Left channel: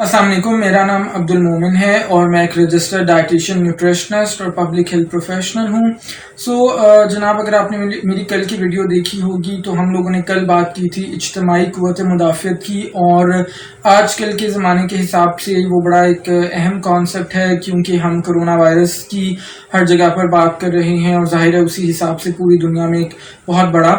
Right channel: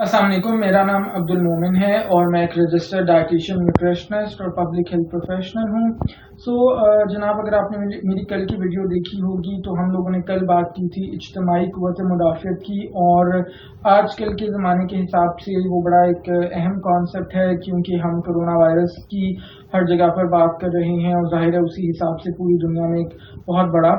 अस्सलाम वालेकुम, मेरा नाम अब्दुल मोमिन है और मैं एक रजिस्टर्ड डाइटिशियन, न्यूट्रिशनिस्ट और पब्लिक हेल्थ प्रोफेशनल हूँ। जनाब, अगर आपने मेरी कल की वीडियो देखी होगी तो हम लोगों ने कल बात की थी इज्तिमाई क़ुव्वत मुदाफ़ियत की, और आजकल के ज़माने के हिसाब से वो बड़ा एक अहम कॉन्सेप्ट है, क्योंकि हम कोरोना वायरस की हर जगह पर बात कर रहे हैं और ज़ाहिर है उसी हिसाब से पूरी दुनिया में एक बहुत बड़ा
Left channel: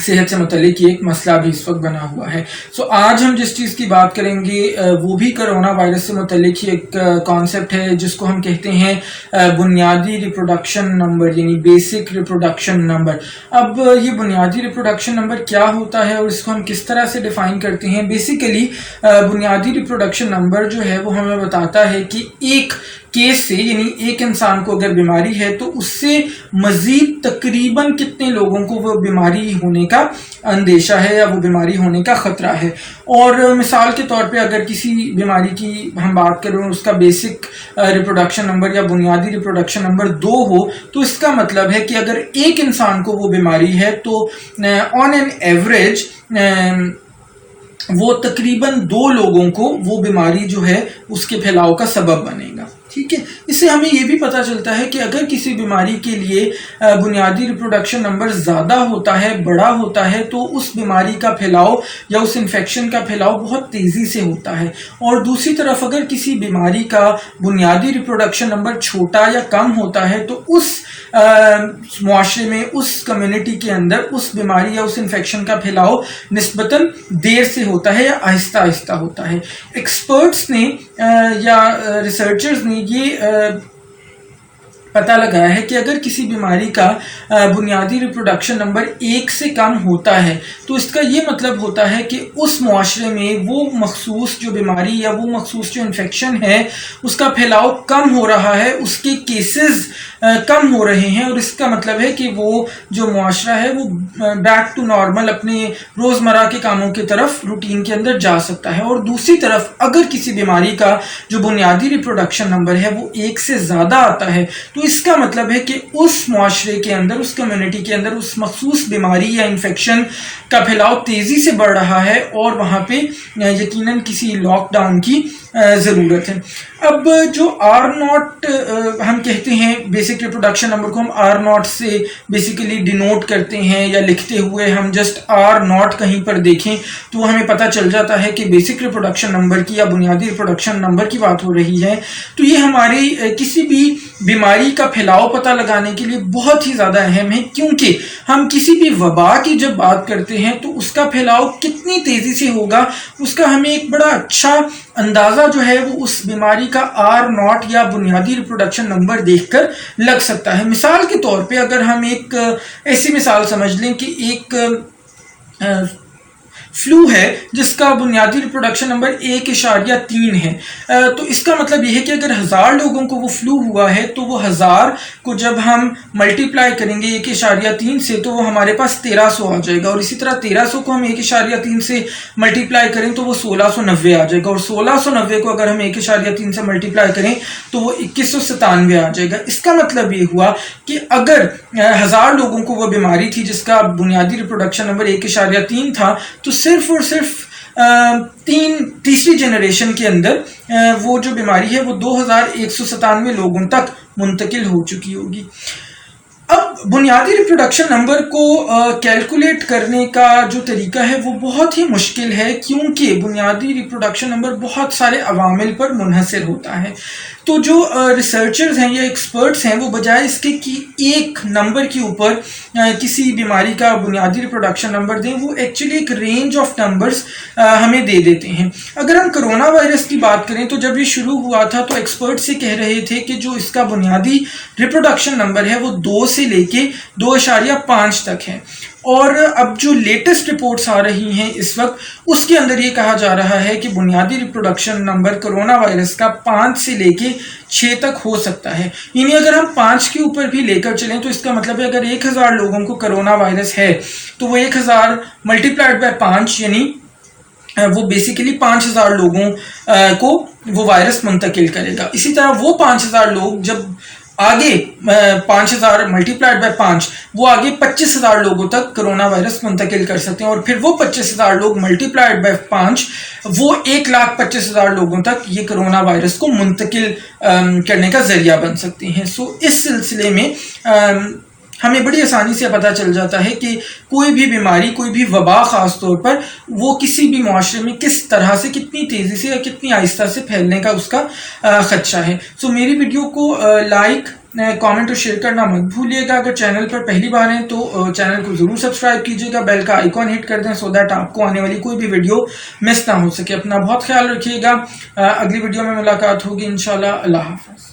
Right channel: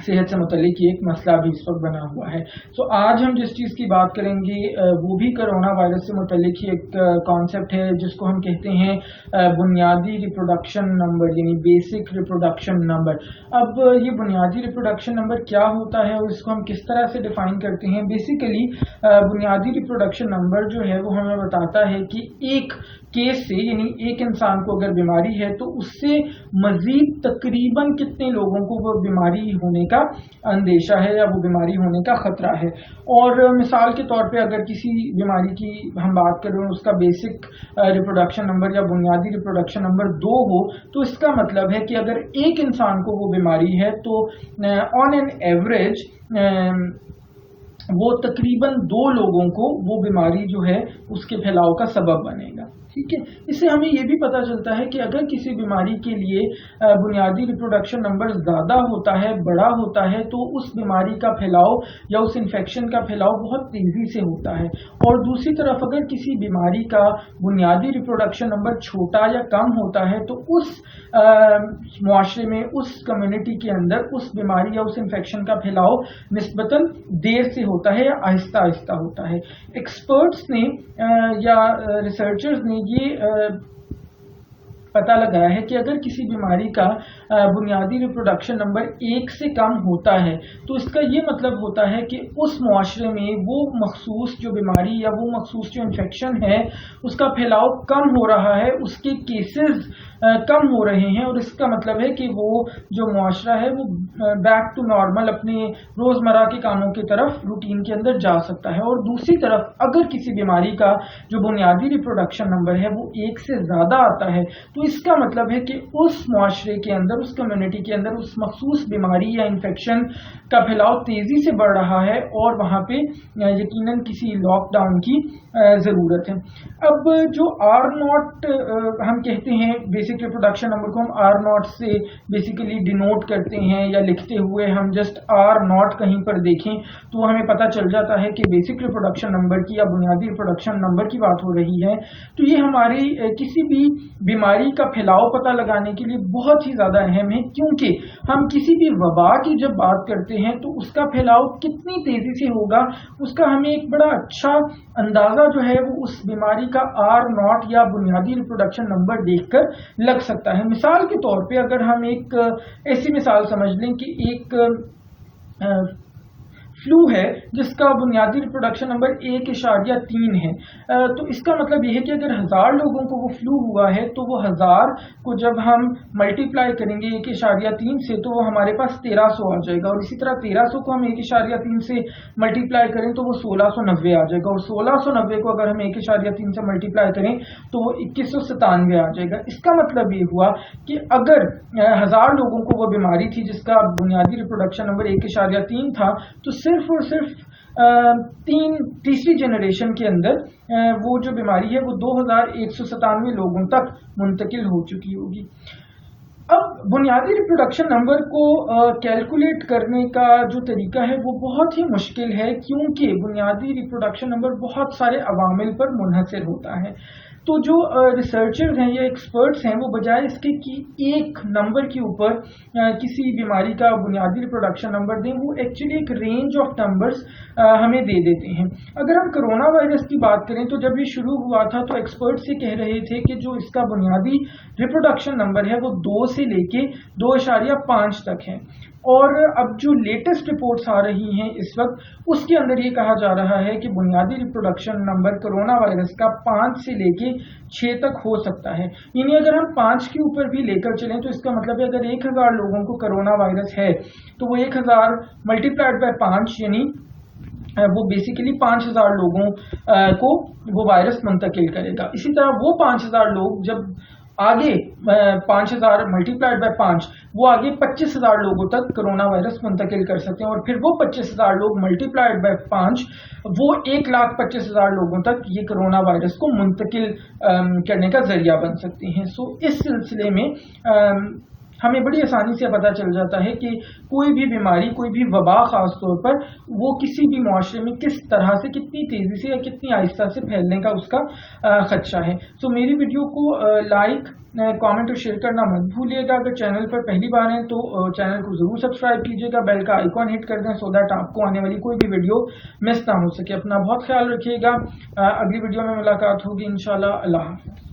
सेहत से मुतल्लिक एक मसला भी इस वक्त बना हुआ है। आज हम जिस चीज़ की बात करेंगे वो भी कोरोना वायरस से मुतल्लिक ही एक कॉन्सेप्ट है, जिसको हम कहते हैं बुनियादी रिप्रोडक्शन नंबर, यानी बेसिक रिप्रोडक्शन नंबर। अब ये बुनियादी रिप्रोडक्शन नंबर क्या होता है और इसको हम किस तरह से डिफ़ाइन करते हैं? बेसिकली बुनियादी रिप्रोडक्शन नंबर जो है वो हमें बताता है कि एक केस से, यानी एक इंसान को अगर बीमारी है तो उससे मजीद तकरीबन कितने लोगों को वो बीमारी होने का अंदेशा है या वो बीमारी होने का ख़तरा है। और मिसाल के तौर पे अगर किसी बीमारी की हम बात करें और उसका बेसिक रिप्रोडक्शन नंबर या बुनियादी रिप्रोडक्शन नंबर 2 हो, तो इसका मतलब है कि अगर एक इंसान को वो बीमारी है तो ऑन एन एवरेज वो तकरीबन 2 लोगों को वो बीमारी जो है उसके फैलाव का सबब बनेगा। ठीक है, इससे हमें ये भी पता चलता है कि अगर किसी बीमारी के लिए बुनियादी रिप्रोडक्शन नंबर ज़्यादा होता है, बड़ा होता है, तो उस बीमारी का फैलाव या उस इन्फेक्शन का फैलाव बहुत तेज़ी से होता है। और दूसरी तरफ अगर किसी बीमारी का बुनियादी रिप्रोडक्शन नंबर छोटा या कम होता है तो उस मुआशरे में, उस कम्युनिटी के अंदर उस बीमारी या उस इन्फेक्शन का फैलाव निस्बतन देर से होता है या आहिस्ता आहिस्ता होता है। एक्सपर्ट्स ने या रिसर्चर्स ने ये पता लगाया है कि अगर किसी बीमारी का बुनियादी रिप्रोडक्शन नंबर 1 से कम होता है तो इसका ये मतलब होता है कि उस मुआशरे में वो मखसूस जो बीमारी या वो मखसूस जो इन्फेक्शन है उसका फैलाव कम हो रहा है, उसके केसेस कम हो रहे हैं, और इसका मतलब है कि वो जो मुआशरा है वो बैक टू नॉर्मल अपने रोज़मर्रा के कामों की तरफ रूटीन के अंदर जा सकता है। और दूसरी तरफ अगर किसी बीमारी का जो बुनियादी रिप्रोडक्शन नंबर है वो 1 से ज़्यादा आता है तो इसका मतलब है कि उस मुआशरे के अंदर, उस कम्युनिटी के अंदर उस मखसूस बीमारी या इन्फेक्शन का फैलाव तेज़ी से बढ़ रहा है और वहाँ पे यकीनन किसी लॉकडाउन की ज़रूरत है। अब जो R0 हम कहते हैं, बेसिक रिप्रोडक्शन नंबर को हम R0 से बेसिकली डिनोट करते हैं या लिखते हुए हम जस्ट R0 कहीं पर देखें तो हमें पता चल जाता है कि बेसिक रिप्रोडक्शन नंबर की या बुनियादी रिप्रोडक्शन नंबर की बात हो रही है। तो ये हमारी किसी भी बीमारी का फैलाव पता लगाने के लिए बहुत ही ज़्यादा अहम है, क्योंकि हम किसी भी वबा की जब बात करते हैं तो उसका फैलाव कितनी तेज़ी से होगा उसका हमें एक बड़ा अच्छा अंदाज़ा जो है वो उस बीमारी का R0 या बुनियादी रिप्रोडक्शन नंबर देखकर लग सकता है। मिसाल के तौर पे अगर हम एक ऐसी मिसाल समझ लें कि एक फ्लू है जिसका बुनियादी रिप्रोडक्शन नंबर 1.3 है, तो इसका मतलब यह है कि अगर 1000 लोगों को वो फ्लू हुआ है तो वो 1000 को जब हम मल्टीप्लाई करेंगे 1.3 से तो वो हमारे पास 1300 आ जाएगा, और इसी तरह 1300 को हम 1.3 से मल्टीप्लाई करें तो वो 1690 आ जाएगा, और 1690 को अगर हम 1.3 से मल्टीप्लाई करें तो वो 2197 आ जाएगा। इसका मतलब ये हुआ कि अगर 1000 लोगों को वो बीमारी थी जिसका बुनियादी रिप्रोडक्शन नंबर 1.3 था तो सिर्फ और सिर्फ तीसरी जनरेशन के अंदर वो जो बीमारी है वो 2197 लोगों तक मुंतकिल हो चुकी होगी। अब बुनियादी रिप्रोडक्शन नंबर को कैलकुलेट करने का जो तरीका है वो बहुत ही मुश्किल है, क्योंकि बुनियादी रिप्रोडक्शन नंबर बहुत सारे अवामिल पर मुनहसर होता है। तो जो रिसर्चर्स हैं या एक्सपर्ट्स हैं वो बजाय इसके कि एक नंबर के ऊपर किसी बीमारी का बुनियादी रिप्रोडक्शन नंबर दें, वो एक्चुअली एक रेंज ऑफ नंबर्स हमें दे देते हैं। अगर हम कोरोना वायरस की बात करें तो जब ये शुरू हुआ था तो एक्सपर्ट्स ये कह रहे थे कि जो इसका बुनियादी रिप्रोडक्शन नंबर है वो 2 से लेके 2.5 तक है, और अब जो लेटेस्ट रिपोर्ट्स आ रही हैं इस वक्त उसके अंदर ये कहा जा रहा है कि बुनियादी रिप्रोडक्शन नंबर कोरोना वायरस का 5 से लेके 6 तक हो सकता है। यानी अगर हम 5 के ऊपर भी लेकर चलें तो इसका मतलब है अगर 1000 लोगों को कोरोना वायरस है तो वो 1000 मल्टीप्लाइड बाय 5 यानी वो बेसिकली 5000 लोगों को वो वायरस मुंतकिल करेगा। इसी तरह वो 5000 लोग जब آگے 5000 ملٹیپلائڈ بائی 5 وہ آگے 25,000 لوگوں تک کرونا وائرس منتقل کر سکتے ہیں، اور پھر وہ 25,000 لوگ ملٹیپلائڈ بائی 5 وہ 1,25,000 لوگوں تک یہ کرونا وائرس کو منتقل کرنے کا ذریعہ بن سکتے ہیں۔ سو اس سلسلے میں ہمیں بڑی آسانی سے پتہ چل جاتا ہے کہ کوئی بھی بیماری، کوئی بھی وبا خاص طور پر، وہ کسی بھی معاشرے میں کس طرح سے، کتنی تیزی سے یا کتنی آہستہ سے پھیلنے کا اس کا خدشہ ہے۔ سو میری ویڈیو کو لائک، کامنٹ اور شیئر کرنا مت بھولیے گا۔ اگر چینل پر پہلی بار ہیں تو چینل کو ضرور سبسکرائب کیجیے گا، بیل کا آئیکن ہٹ کر دیں، سو دیٹ آپ کو آنے والی کوئی بھی ویڈیو مس نہ ہو سکے۔ اپنا بہت خیال رکھیے گا، اگلی ویڈیو میں ملاقات ہوگی انشاءاللہ۔ اللہ حافظ۔